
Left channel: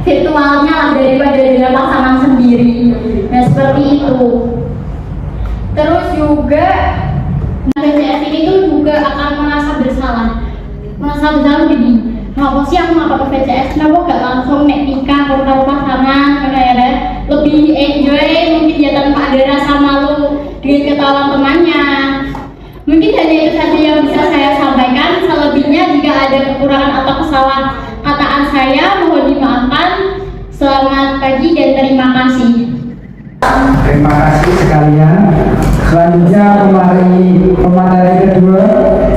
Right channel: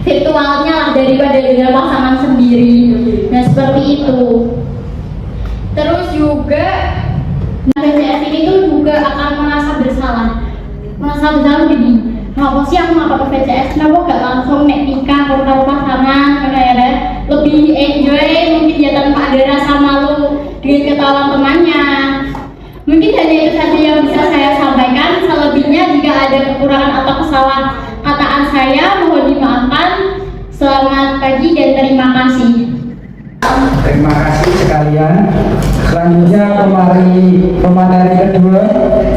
virtualnya lah daripada dengan pasangan sendiri. Nah, seperti itu. Terus juga BPJS ini tuh juga akan merasa bersalah gini. Kenapa sih aku nggak pakai BPJS? Kenapa gak langsung nikah karo pasangan kayak lebih enjoy, mungkin dia tanpa ada rasa malu dengan ketahuan temannya. Mungkin hanya itu saja yang bisa saya sampaikan. Selebihnya jika ada kekurangan atau kesalahan saya mohon dimaafkan. Selamat pagi dan terima kasih. Terima kasih sekalian. Selanjutnya pemateri kedua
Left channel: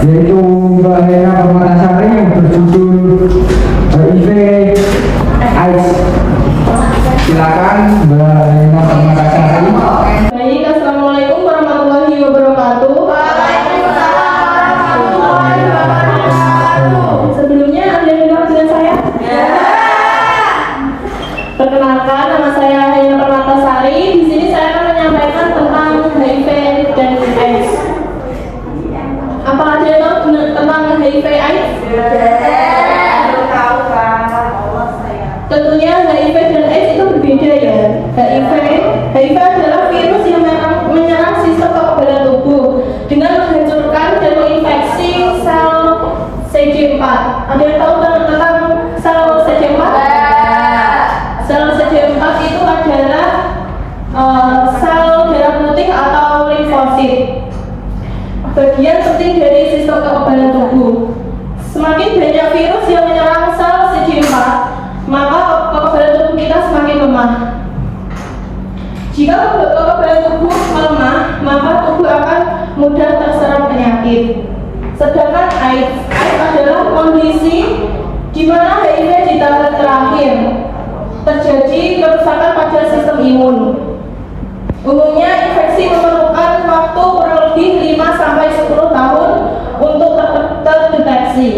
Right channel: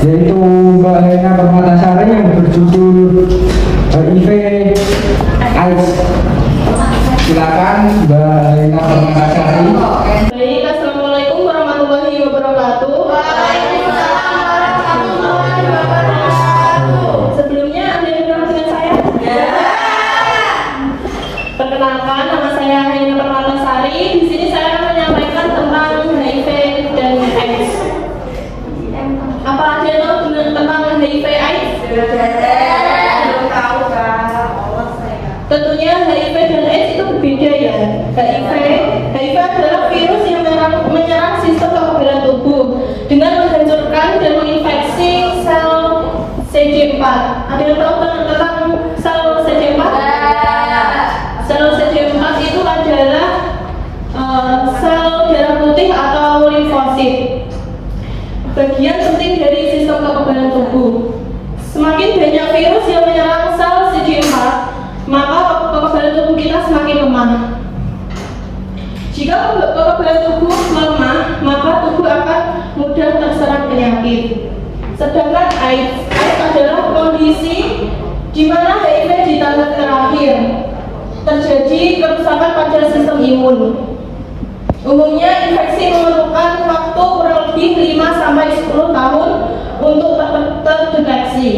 yaitu Mbak Hena Permatasari yang berjudul HIV AIDS. Silakan Mbak Hena Permatasari. Baik, assalamualaikum warahmatullahi wabarakatuh. Sebelumnya ada yang kenal dengan saya? Perkenalkan, nama saya Hena Permatasari. Di sini saya akan menyampaikan tentang HIV dan AIDS. Apa ada yang tahu tentang HIV AIDS? Tentunya HIV dan AIDS itu berbeda ya. HIV adalah virus yang menyerang sistem kekebalan tubuh dengan menghancurkan dan menginfeksi sel CD4. Ada yang tahu tentang sel CD4? Sel CD4 itu adalah sel darah putih atau limfosit, bagian penting dari sistem kekebalan tubuh. Semakin banyak virus yang menyerang sel CD4, maka kekebalan tubuh kita semakin lemah. Jika kekebalan tubuh lemah, maka tubuh akan mudah terserang penyakit. Sedangkan AIDS adalah kondisi di mana HIV di tahap terakhir terjadi kerusakan pada sistem imun. Umumnya infeksi memerlukan waktu kurang lebih 5-10 tahun untuk terdeteksi.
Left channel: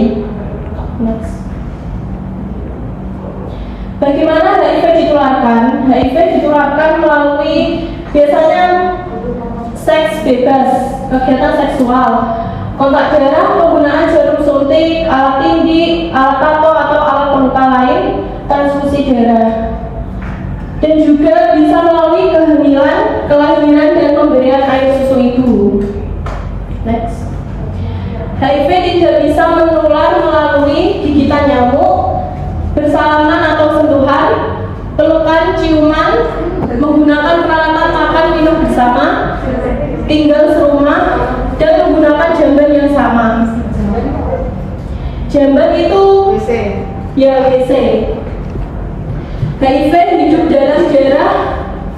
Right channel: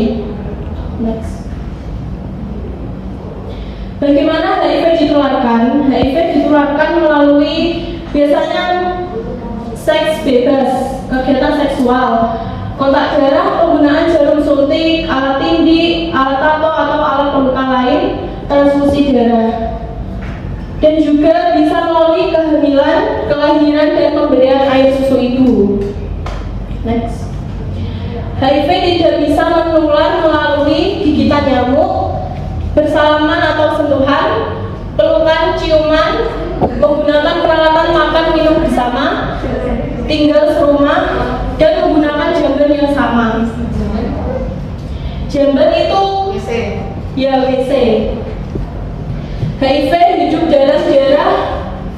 Bagaimana HIV ditularkan? HIV ditularkan melalui biasanya seks bebas, kegiatan seksual, kontak darah, penggunaan jarum suntik, alat tindih, alat tato atau alat pembuka lain, transfusi darah. Dan juga bisa melalui kehamilan, kelahiran, dan pemberian air susu ibu. Next. HIV tidak bisa menular melalui gigitan nyamuk, bersalaman atau sentuhan, pelukan, ciuman, menggunakan peralatan makan minum bersama, tinggal serumah, dan menggunakan jamban yang sama. Jamban itu WC. HIV hidup dalam darah,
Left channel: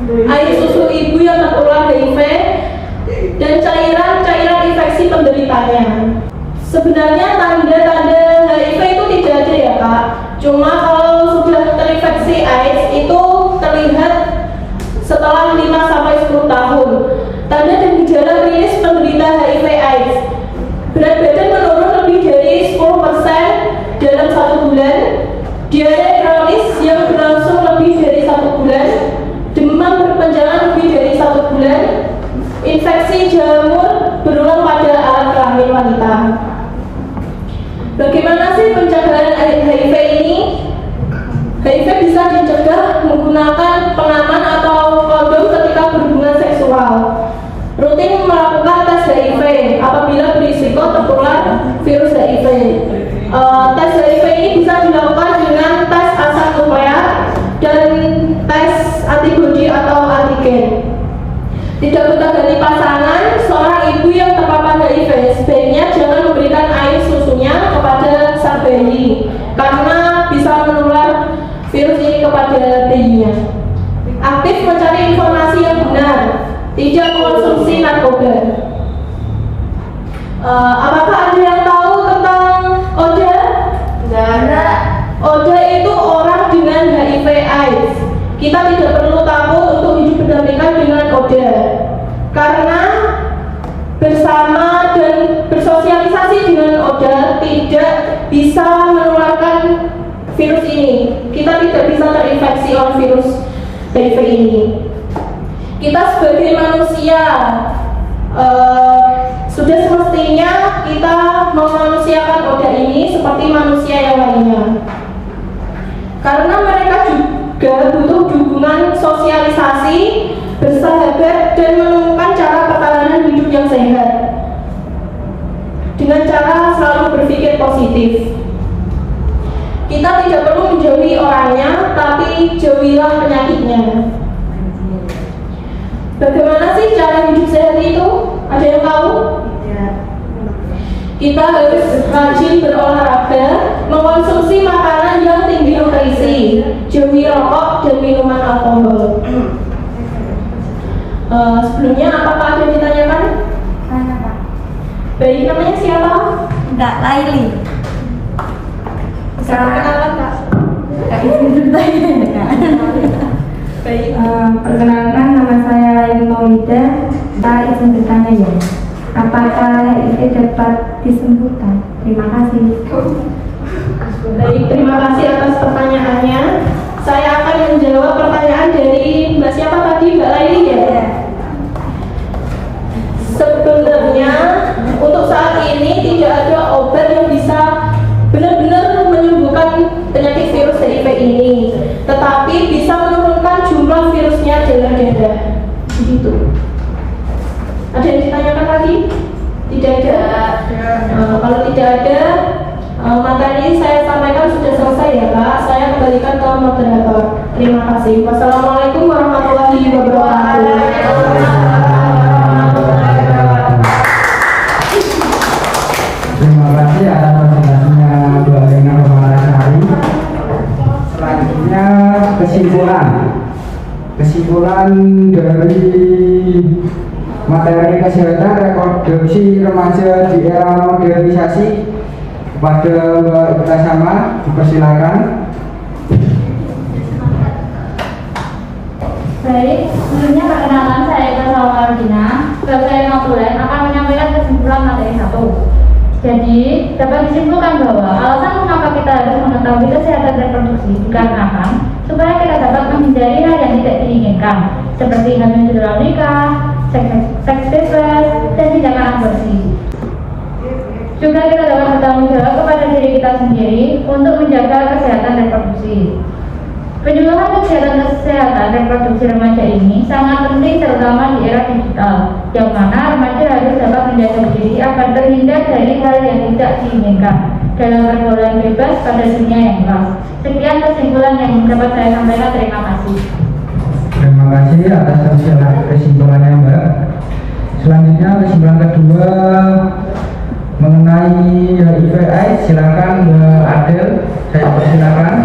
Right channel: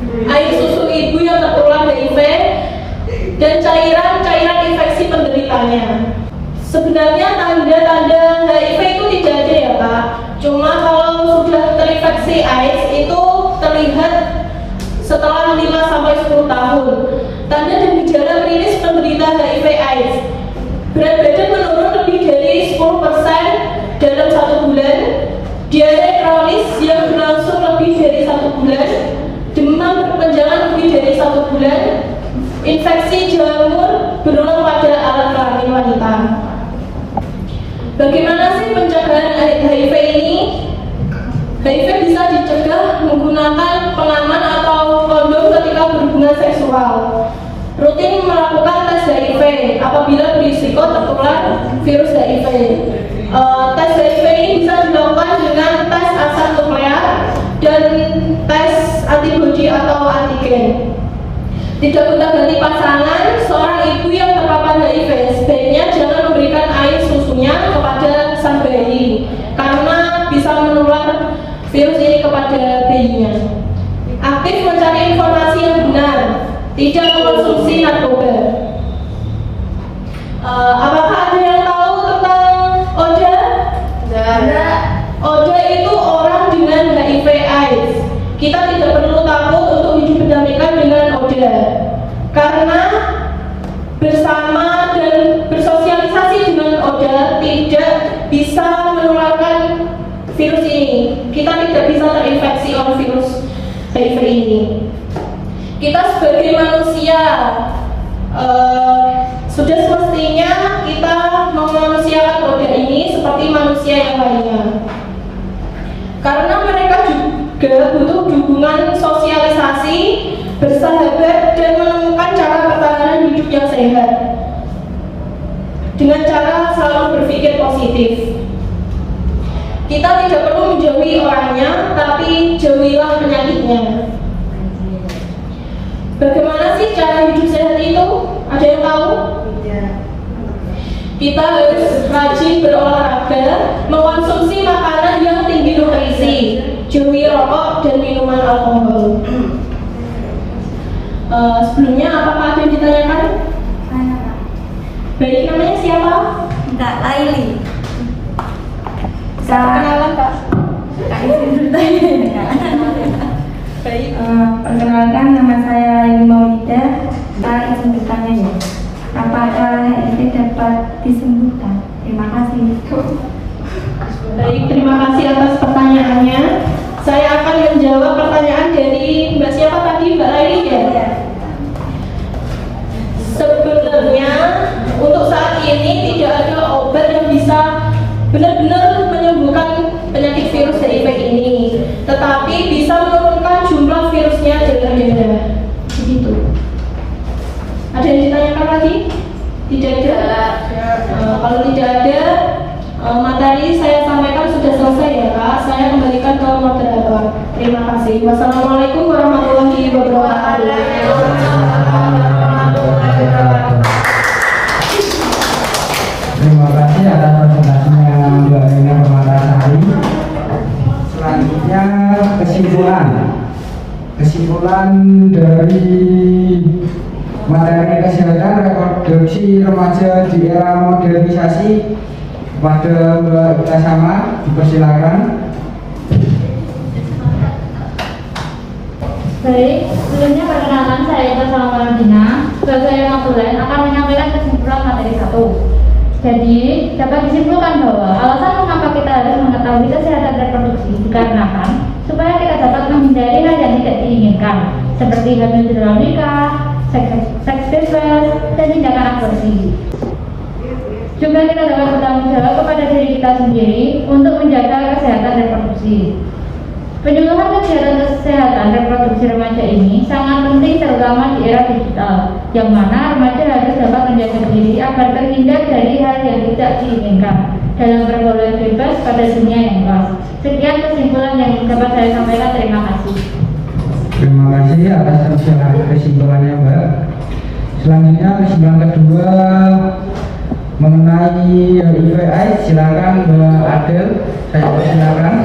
air susu ibu yang tertular HIV, dan cairan infeksi penderitanya. Sebenarnya tanda-tanda HIV itu tidak ada ya Kak. Cuma kalau sudah terinfeksi AIDS itu terlihat setelah 5-10 tahun. Tanda dan gejala klinis penderita HIV AIDS: berat badan menurun lebih dari 10% dalam 1 bulan, diare kronis yang berlangsung lebih dari 1 bulan, demam berkepanjangan lebih dari 1 bulan, infeksi jamur berulang pada alat kelamin wanita. Bagaimana sih pencegahan HIV ini? HIV bisa dicegah menggunakan pengaman atau kondom ketika berhubungan seksual. Rutin melakukan tes HIV apabila berisiko tertular virus HIV. Tes HIV ini bisa dilakukan dengan tes asam nuklear dan tes antibodi atau antigen. Tidak gonta-ganti pasangan, seorang ibu yang terpapar kepada bayinya. Aktif mencari informasi yang benar, tidak mengkonsumsi narkoba. Apakah ada yang tahu tentang ODA? Tidak. ODA itu orang dengan HIV/AIDS. Kita tidak perlu takut untuk hidup berdampingan dengan ODA, karena bersama dan bersosialisasi dengan ODA tidak bisa menularkan virus ini. Kita tidak bisa terinfeksi oleh virus HIV ini. Kita sebagai manusia sudah semestinya kita memanusiakan ODA ini seperti manusia yang lainnya, karena mereka juga butuh dukungan sosialisasi, bersahabat, dan menemukan cara pertahanan hidup yang sehat dengan cara selalu berpikir positif. Kita tidak perlu menjauhi orangnya, tapi jauhilah penyakitnya. Bagaimana sih cara hidup sehat itu? Ada yang tahu? Kita harus rajin berolahraga, mengkonsumsi makanan yang tinggi nutrisi, jauhi rokok dan minuman alkohol. Sebelumnya apakah ada yang ditanyakan? Bayi namanya siapa? Enggak, Laili. Bisa perkenalan, Kak? Kak izin bertanya. Baik. Perkenalkan, nama saya Laili Maulida. Saya izin bertanya ya. Apakah itu dapat disembuhkan? Terima kasih. Baik, terima kasih atas pertanyaannya. Saya akan menjawab pertanyaan dari Mbak siapa tadi, Mbak Laili ya? Sebenarnya untuk saat ini tidak ada obat yang bisa benar-benar menyembuhkan penyakit virus HIV ini, tetapi bisa menurunkan jumlah virusnya dengan mudah. Begitu. Ada yang ditanyakan lagi? Tidak ada. Kalau tidak ada, materi saya sampaikan sudah selesai ya Kak. Saya kembalikan ke moderator. Terima kasih. Wassalamualaikum warahmatullahi wabarakatuh. Terima kasih atas presentasinya Mbak Rina Romanasari. Selanjutnya kesimpulan dari materi kesehatan reproduksi remaja di era modernisasi kepada Mbak Ibta Sama, dipersilakan. Baik, sebelumnya perkenalkan saya Ibta Sama Wardina. Sebagai Nobulan akan menyampaikan kesimpulan materi 1. Jadi, dapat disimpulkan bahwa alasan mengapa kita harus mengetahui kesehatan reproduksi dikarenakan supaya kita dapat menghindari hal yang tidak diinginkan, seperti hamil di luar nikah, seks bebas, dan tindakan aborsi. Juga kita dapat bertanggung jawab kepada diri kita sendiri untuk menjaga kesehatan reproduksi. Penyuluhan kegiatan kesehatan reproduksi remaja ini sangat penting terutama di era digital, yang mana remaja harus dapat menjaga diri agar terhindar dari hal yang tidak diinginkan dalam pergaulan bebas pada dunia yang luas. Sekian kesimpulan yang dapat saya sampaikan. Terima kasih. Terima kasih atas kesimpulannya Mbak. Selanjutnya kesimpulan kedua mengenai HIV/AIDS, silakan Mbak Adel, saya persilakan.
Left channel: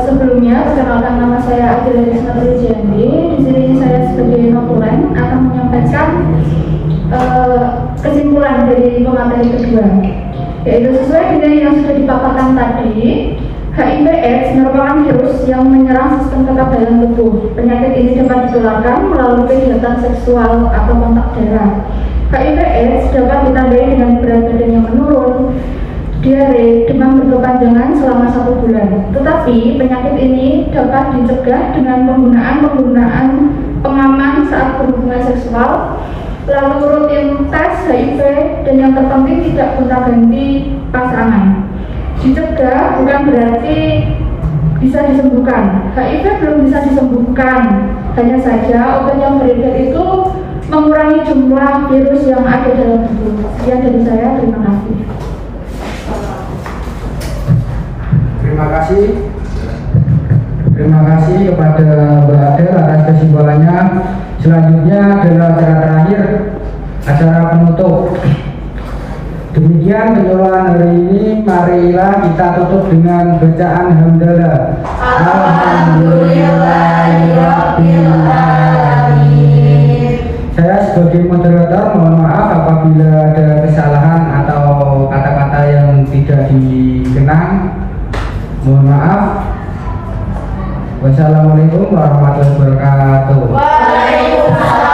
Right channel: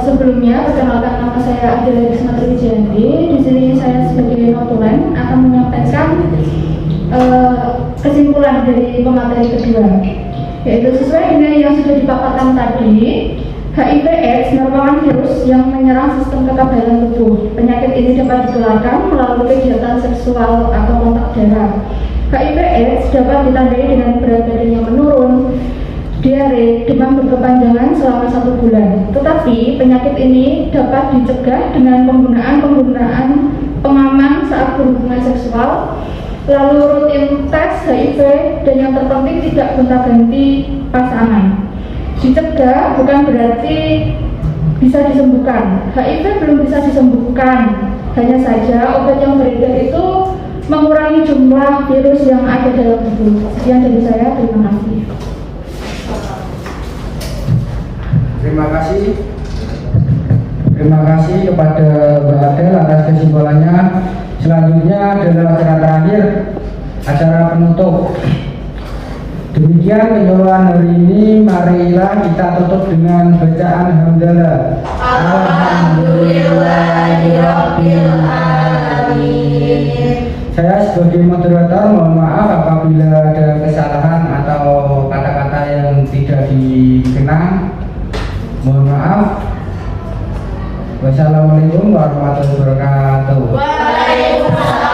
Sebelumnya, perkenalkan nama saya Adila Risma Trijandi. Di sini saya sebagai notulen akan menyampaikan kesimpulan dari pemateri kedua, yaitu sesuai dengan yang sudah dipaparkan tadi. HIV/AIDS merupakan virus yang menyerang sistem kekebalan tubuh. Penyakit ini dapat ditularkan melalui kegiatan seksual atau kontak darah. HIV/AIDS dapat ditandai dengan berat badan yang menurun, diare, demam berkepanjangan selama 1 bulan. Tetapi penyakit ini dapat dicegah dengan penggunaan pengaman saat berhubungan seksual, lalu rutin tes HIV, dan yang terpenting tidak gonta-ganti pasangan. Dicegah bukan berarti bisa disembuhkan. HIV belum bisa disembuhkan, hanya saja obat yang beredar itu mengurangi jumlah virus yang ada dalam tubuh. Sekian dari saya, terima kasih. Terima kasih kepada Mbak Adel atas kesimpulannya. Selanjutnya adalah acara terakhir, acara penutup. Demikian penyuluhan hari ini, marilah kita tutup dengan bacaan hamdalah. Alhamdulillahirrahmanirrahim. Saya sebagai moderator mohon maaf apabila ada kesalahan atau kata-kata yang tidak dikenang. Mohon maaf. Wassalamualaikum warahmatullahi wabarakatuh. Waalaikumsalam.